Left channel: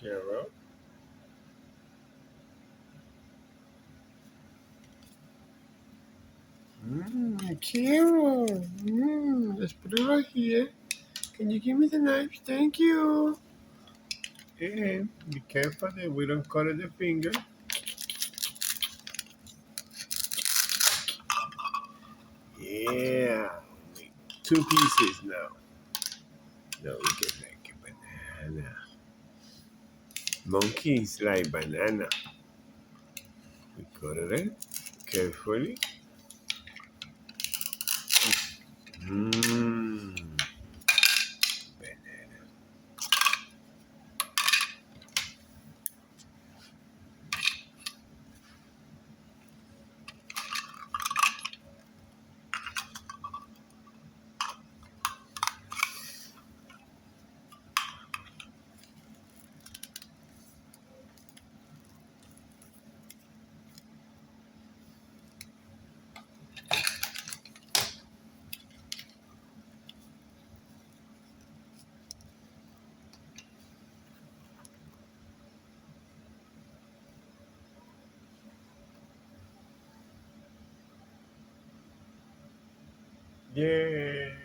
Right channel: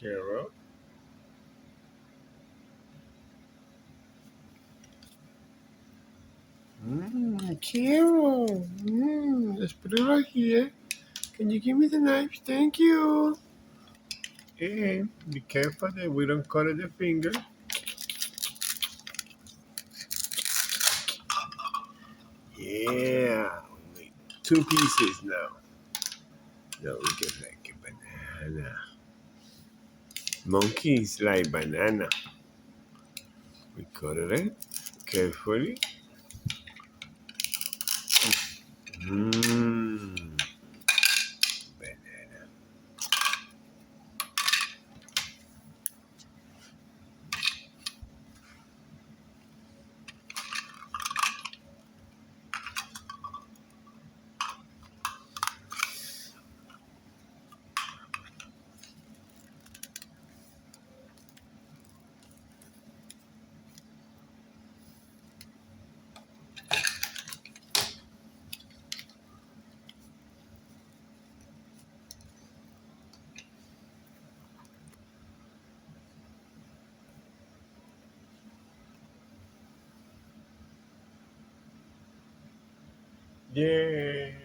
Carol. Carol. Let's put it right here. Can you give me the knife? Thank you. And be careful that we don't cut the finger. Yeah. Only two pieces now. Now we can make a banana. Monkeys like banana. We cut it carefully. Mmm. Banana. Yeah.